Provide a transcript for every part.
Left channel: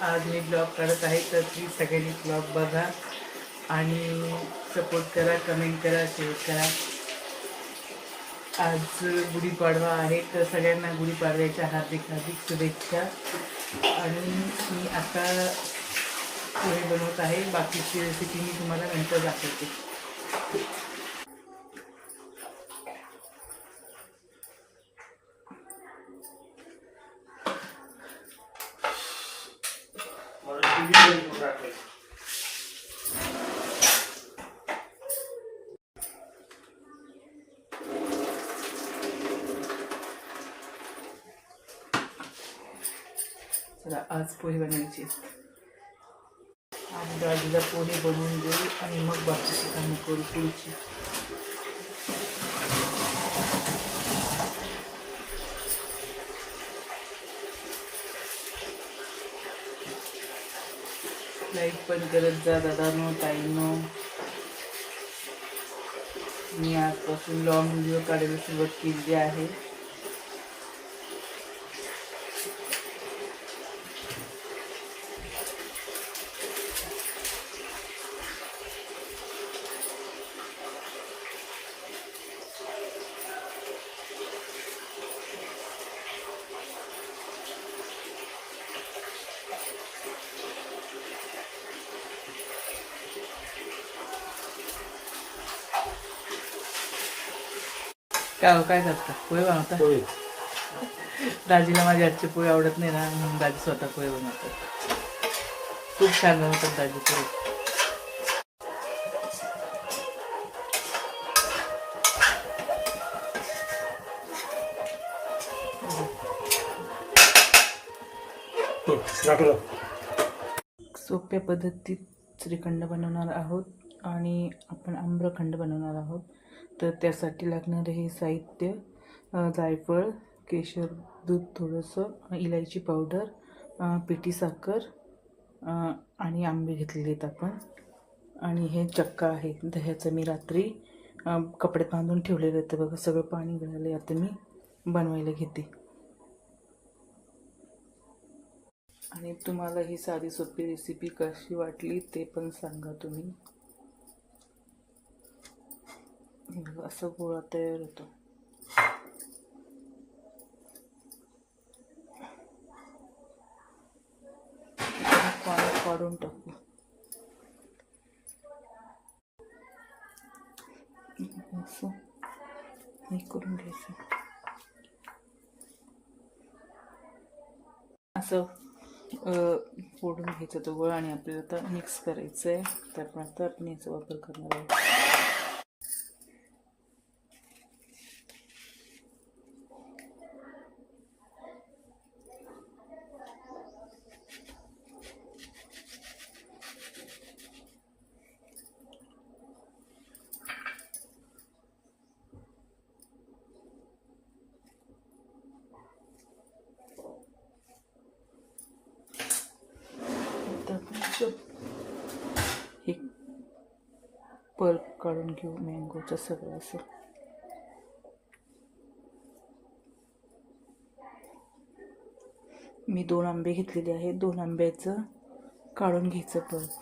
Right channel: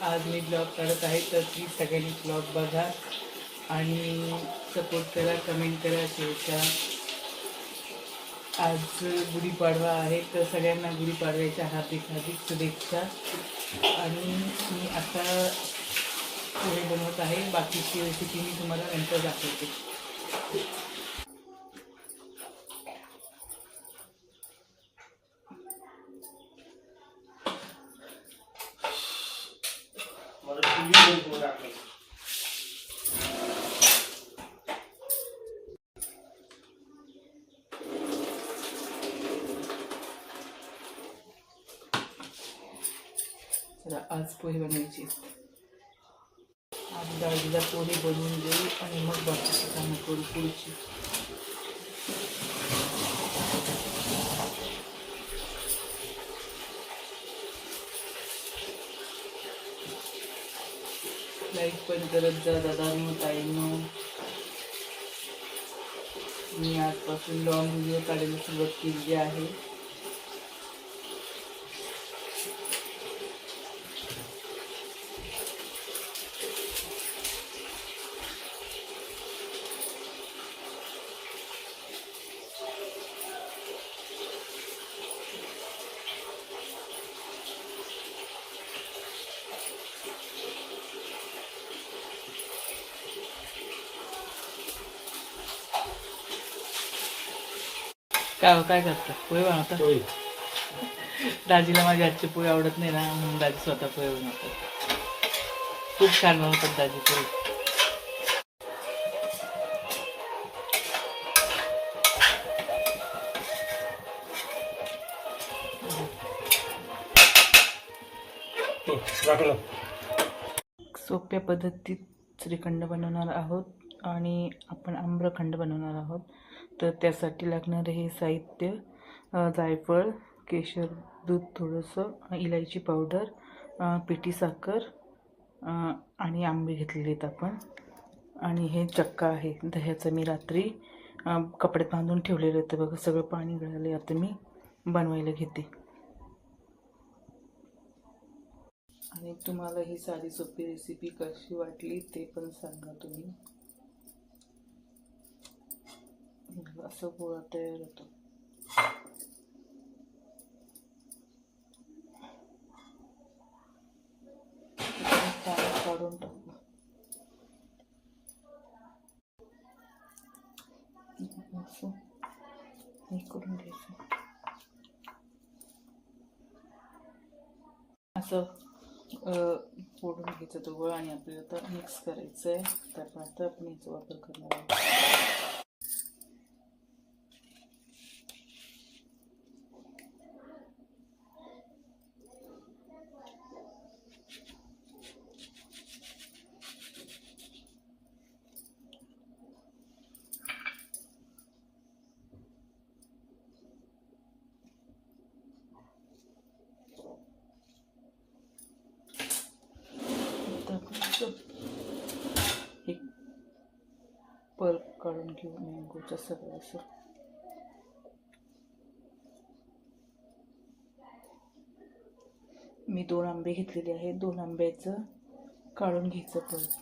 आज मी ब्लॉग करत आहे, तर प्लीज सगळ्यांनी ब्लॉग बघा आणि सपोर्ट करा, कमेंट करा, शेअर करा. आज गुढीपाडवा आहे, तर सगळ्यांना गुढीपाडव्याच्या हार्दिक हार्दिक शुभेच्छा. आणि मी आता पोहे बनवत आहे. बाकीची रेसिपी मी तुम्हाला नंतर दाखवते. चला, आज पोहे बनवायचे. आज दाजीला पोहे बनवून देऊ आणि मग बाकीची कामं करू पुढची. लाईक पण करत जा दादांनो, ताईंनो. मी आजपासून लॉंग व्हिडिओ काढायला सुरुवात केली आहे. काय करता? पोहे बनवता? दाजीला माझ्या हातचे पोहे आवडत नाही ना, म्हणून दाजी स्वतः पोहे बनवतात. खूप छान बनवतात दाजी पोहे. सोप्या पद्धतीत श्रीखंड बनवणार आहोत आणि आपण आम्रखंड बनवणार आहोत. तर त्यासाठी लागणारे हे साहित्य: जायफळ, केशर, दूध थोडंसं, इलायची पावडर, पिठी साखर आणि आंबे घेतलेले आहेत आपण. आणि हे चक्का आहे दह्याचं. मी रात्री कपड्यात बांधून ठेवलेलं होतं बघा. सगळं पाणी गळालं. आता मी बनवायला घेते. आणि तुम्हाला ही साधी सोपी रेसिपी कशी वाटली ते पण सांगा तुम्ही. असं गोळा तयार होतो. पाणी काढून टाकू. असं हे करून घ्यायचं. असं फोडून घ्यायचं तो गोळा आणि आपल्याला आता मिक्स करायचं आहे. त्यामुळे आता आपण याचा वापर करणार आहोत. हे पल्प काढून घेऊ मँगोचं सगळं. असं मी 2 आंबे घेतलेले आहेत. 2 आंब्याचं काढून घ्यायचं पल्प.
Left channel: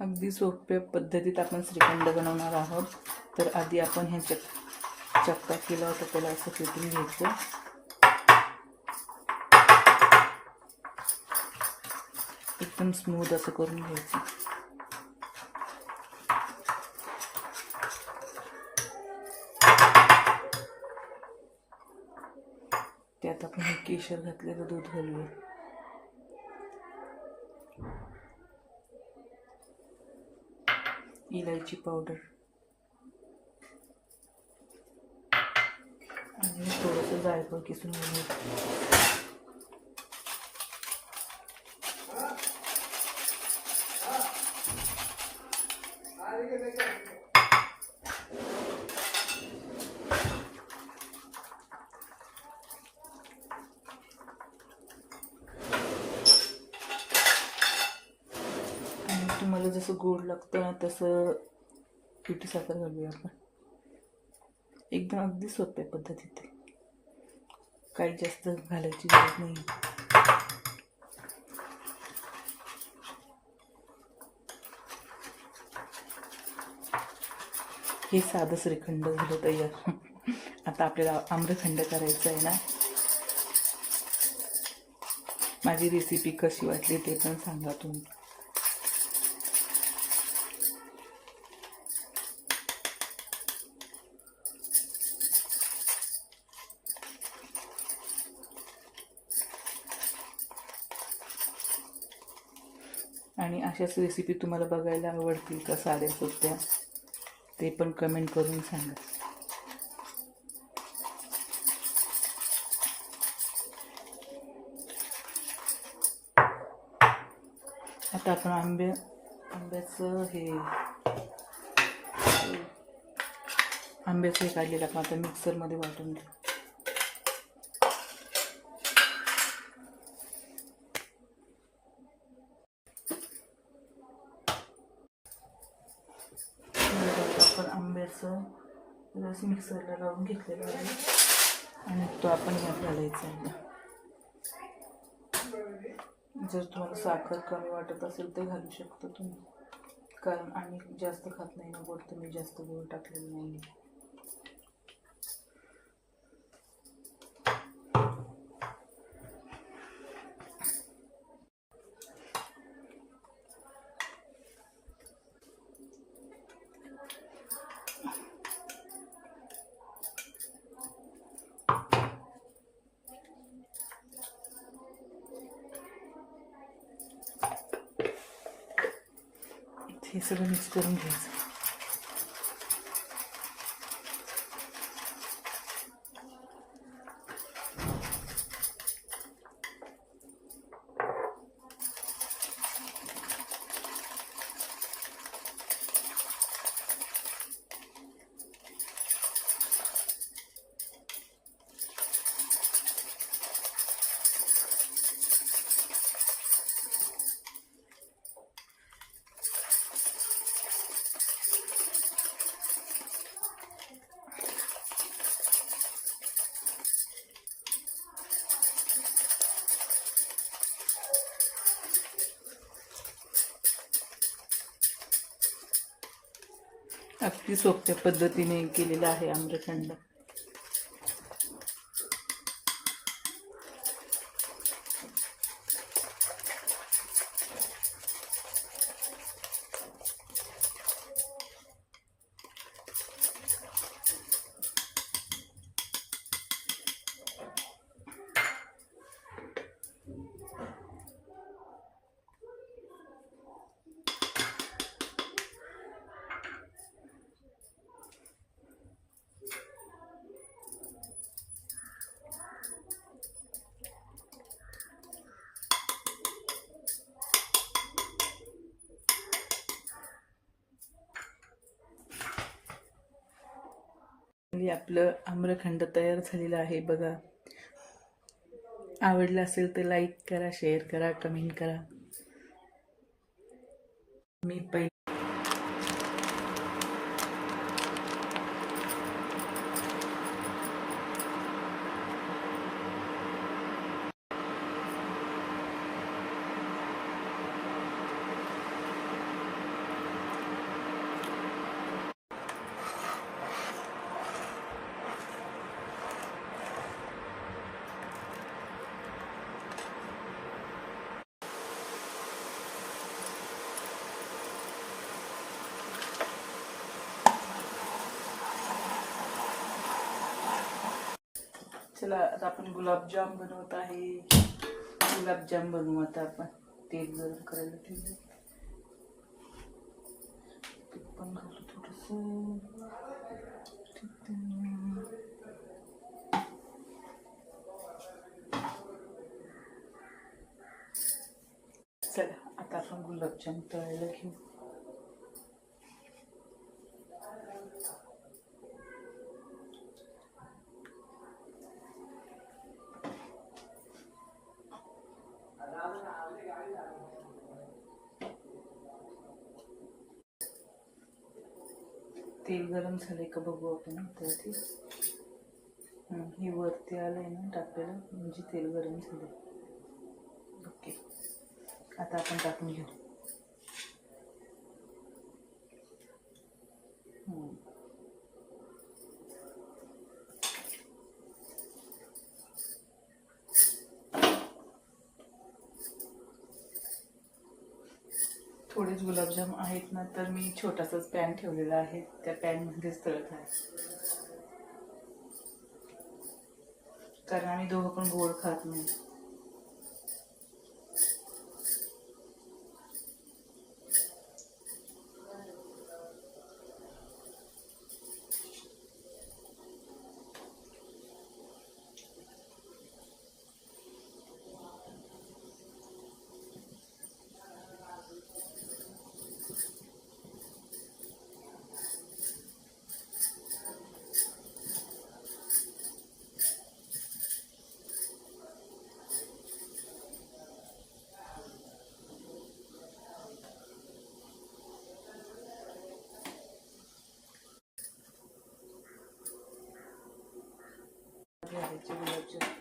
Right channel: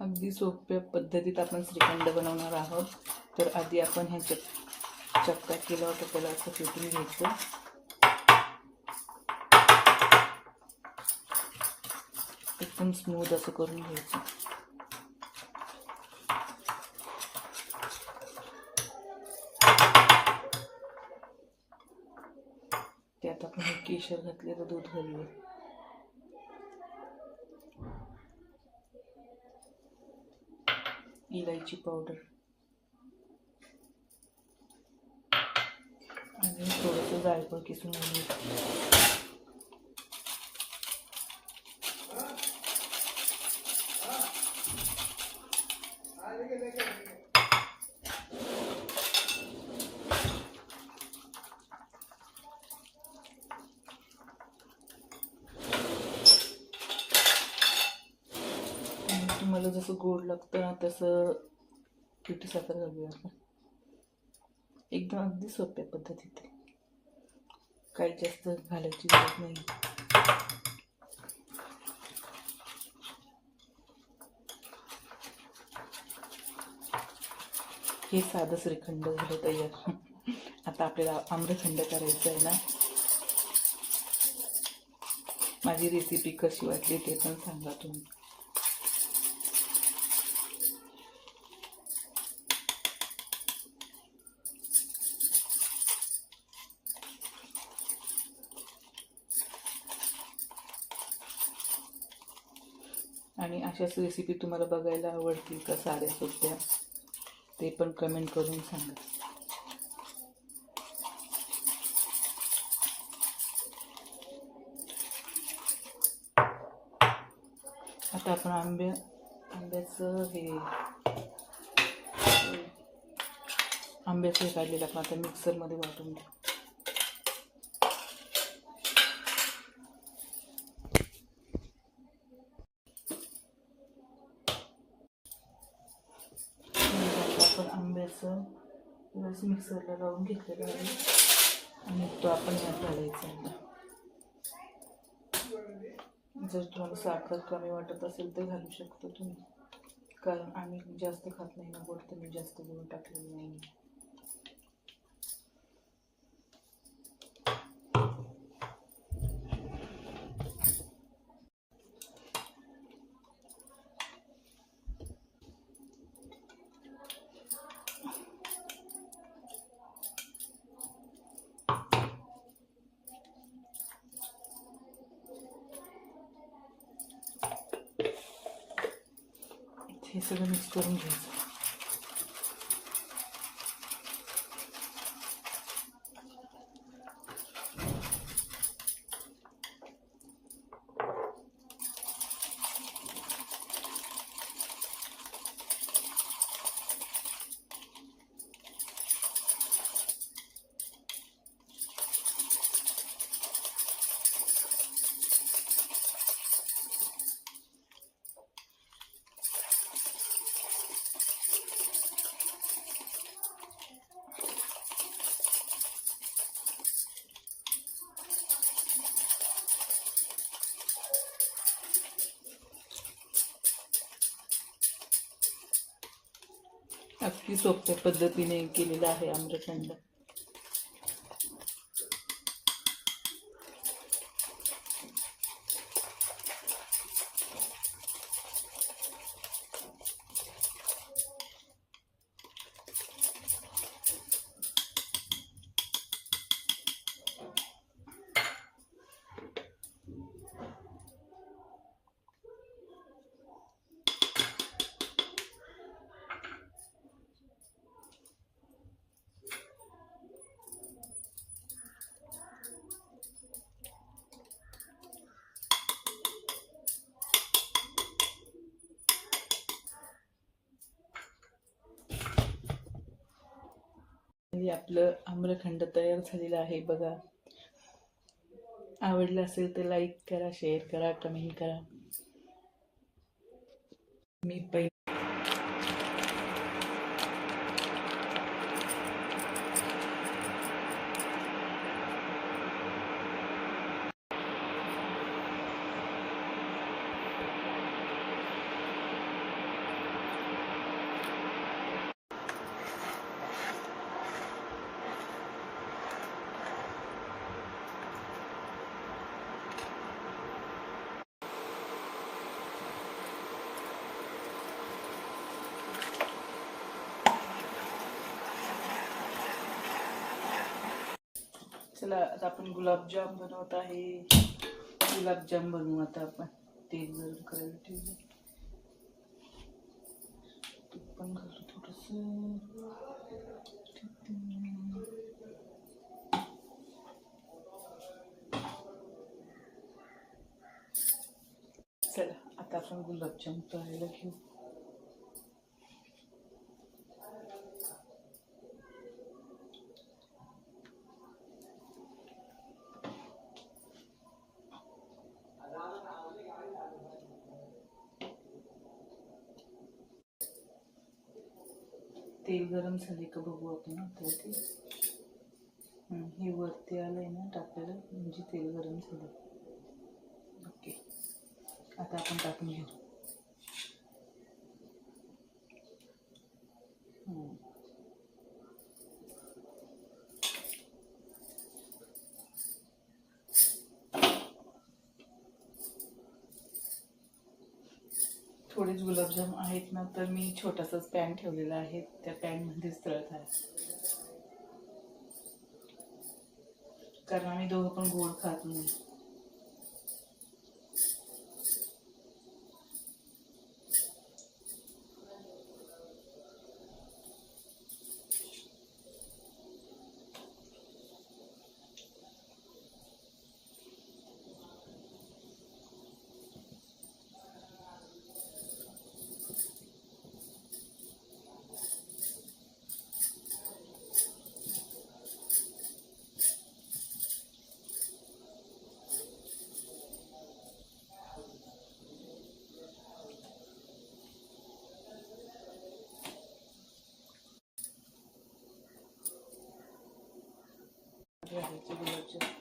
अगदी सोप्या पद्धतीत आपण श्रीखंड बनवणार आहोत. तर आधी आपण हे चक्का केला होता त्याला असं फेटून घ्यायचं. एकदम स्मूथ असं करून घ्यायचं. त्यात आपण हे केशर घातलेलं दूध घालूया. इलायची पावडर आणि थोडंसं जायफळ किसून घेऊया. तुम्हाला जसं गोड लागतं ना तसं पिठी साखर घालूया आपण. एकदम अगदी सोप्या पद्धतीत, काही जास्त घालायची गरज नाही. हे साधं श्रीखंड झालं तयार. आता आपल्याला आम्रखंड करायचं आहे ना. माझी रेसिपी कशी वाटली ते पण सांगा तुम्ही. आणि अशाच रेसिपी तुम्हाला बघायला आवडतील का साध्या सोप्या, ते पण कमेंट करून सांगा. आता आपण आंब्याचं हे काढलेलं आपण आता मिक्सरमध्ये वाटून घेऊ. आपण आंब्याचं रस मिक्सरला लावून घेतलेला आहे आणि तो आपण यात घालायचा आहे. जर तुम्हाला साखर कमी वाटत असेल तर घालू शकता तुम्ही, कारण आम्ही जास्त खात नाही ना गोड, तर मी जास्त गोड टाकलेलं नाही. हे सगळं मिक्स करून घ्यायचं. अगदी सोप्या पद्धतीने केलेला आहे आम्रखंड. आपलं आम्रखंड तयार झालेलं आहे बघा. आवडलं असेल तर लाईक करा, शेअर करा, कमेंट करा. मी पहिले चला आता आपण गुलाबजाम बनवत आहे. गुलाबजाम बनवू आता आपण. तेल गरम करायला ठेवलं. तूप पण घालू थोडंसं. चला आता आपण गुलाबजाम तळायला घेऊ. तेल गरम झाले का बघू आपण. त्यासाठी हे वरती आलंय ना टाकलेलं, म्हणजे तेल गरम झाले. ओके, आता आपण टाकून घेऊ. थोडेच गुलाबजाम आहेत ना, तर मी छोटासाच पॅन ठेवलेला आहे, त्या पॅनमध्येच तळत आहे. कारण आम्ही दोघं पण गोड खात नाही. गुलाबजाम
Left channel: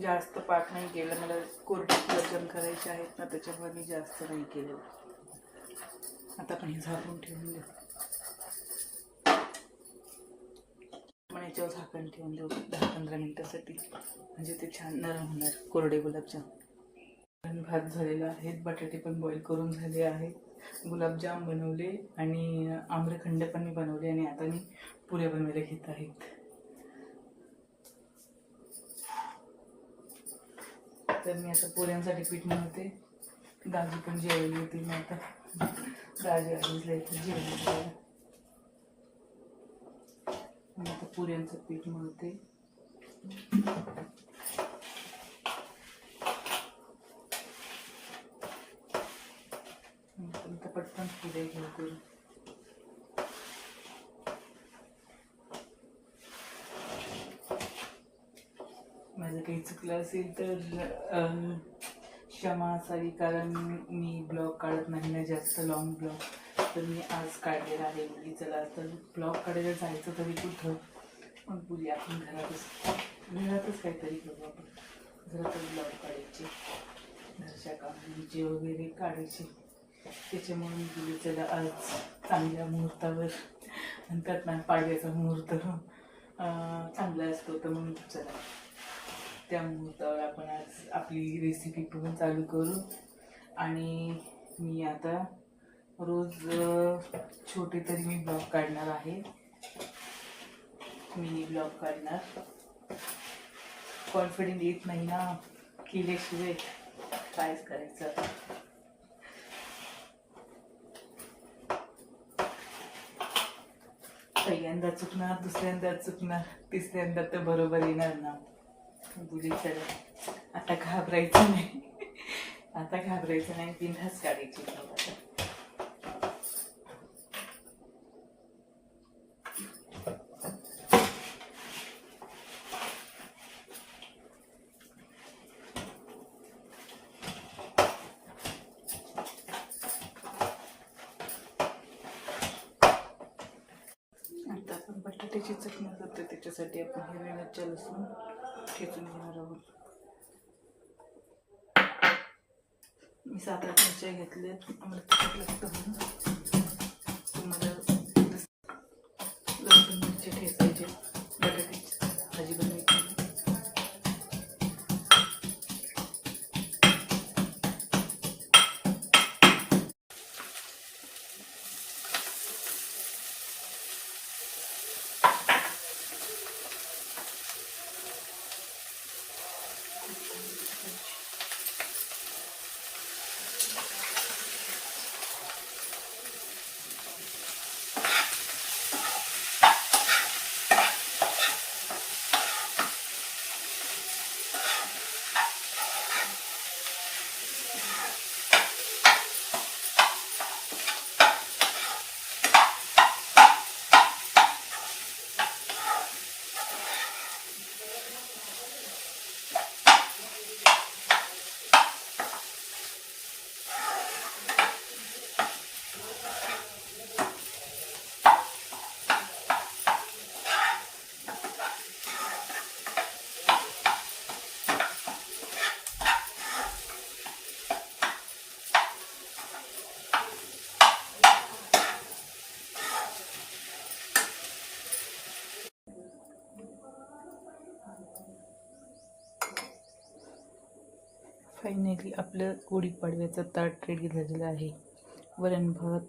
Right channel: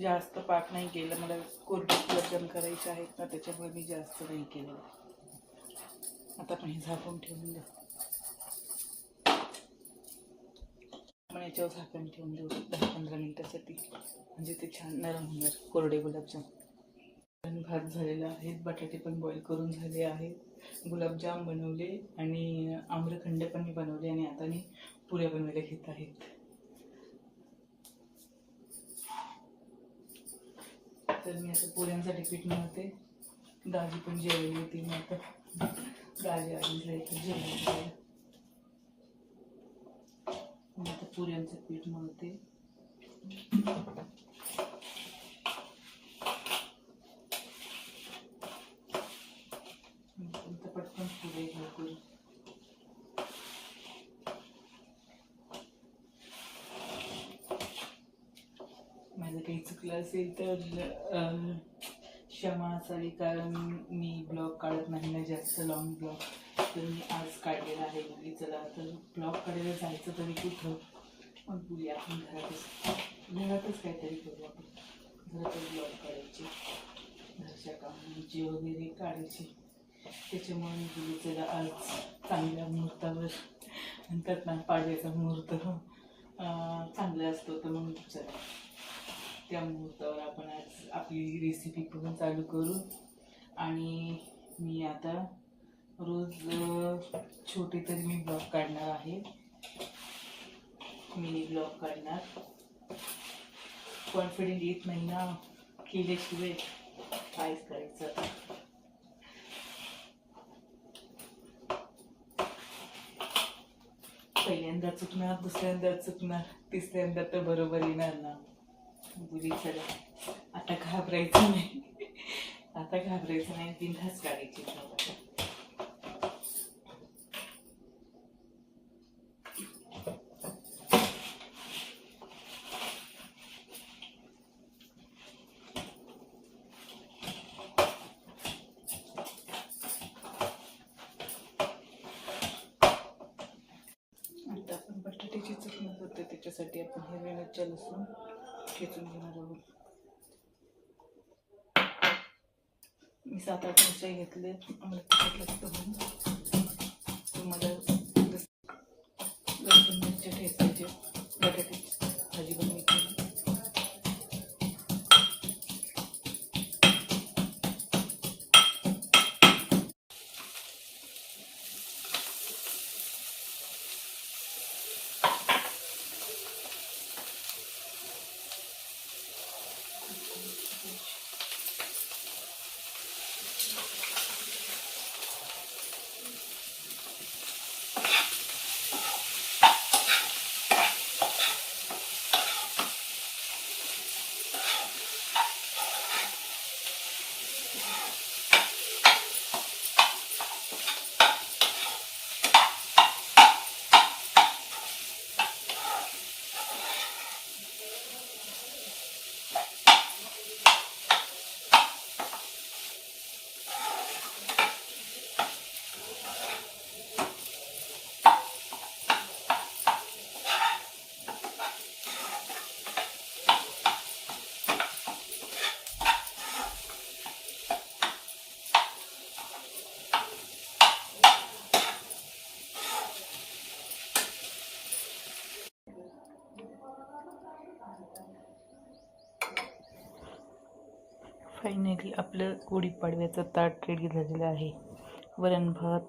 जास्त पाक नाही केलं. मला कोरडे गुलाबजाम करायचे आहेत ना, त्याच्यामुळे मी जास्त नाही केलं. आता आपण हे झाकून ठेवून देऊ. आपण याच्यावर झाकण ठेवून देऊ 10-15 मिनिटासाठी, म्हणजे ते छान नरम होणार कोरडे गुलाबजाम. भात झालेला आहे, बटाटे पण बॉईल करून झाले आहेत, गुलाबजाम बनवले आणि आम्रखंड पण मी बनवले, आणि आता मी पुऱ्या बनवायला घेत आहेत. तर मी आता पुऱ्यांसाठी पीठ मळते. दाजी पण जेवायला येते. मी आता दाजी आलीच तर जेवायला. मी आता पुऱ्यांचं पीठ मळते. पटकन पुऱ्या घेऊ करून. माझं काही चुकलं असेल तर क्षमा असावी, कारण मी ब्लॉग काढत नाही ना जास्त लॉंग ब्लॉग. तर मी आज काढलेला आहे. मुली चला तर ब्लॉग काढायला जायचं तरी कुठं, पण पुरी आपण घरातच काहीतरी करू. आपण घरातच ब्लॉग काढायचे, घरच्या कामांची वगैरे काढायची. त्याच्यामुळे मी बोलली चला आज चांगल्या मुहूर्तावर, म्हणतात ना पाडव्याचा मुहूर्त चांगला असतो, तर मग चला त्या मुहूर्तावर आपण आज आपली रेसिपी पण चालू करू. आणि मी आता रोज छोटे तरी मी ब्लॉग काढणार आहे, मिनी ब्लॉग काढणार. कॉन्फिडंट येत नाही ना केल्याशिवाय, कायच करायचं आता. पहिल्यांदा चुकणार, दुसऱ्यांदा चुकणार, तिसऱ्यांदा तर बरोबर येणार ना. बुली चला आता घाबरायचं नाही. आता घाबरायचं नाही, बिनधास्त काढायची. आता आपण बटाट्याची चटणी करतो, त्याच्यासाठी आपण हिरव्या मिरच्या लसूण ठेचून घेणार आहोत. मी 7-8 मिरच्या घेतले. आम्हाला तिखट लागतं म्हणून तुम्हाला लसूण मिरच्या ठेचायचे, बटाटे फायनली आपलं गुढीपाडव्याचं ताट रेडी झालेलं आहे. वरण भात,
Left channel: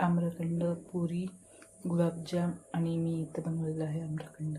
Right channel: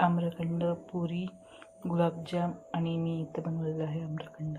आम्रखंड, पुरी, गुलाबजाम आणि मी इथं बनवलेलं आहे आम्रखंड.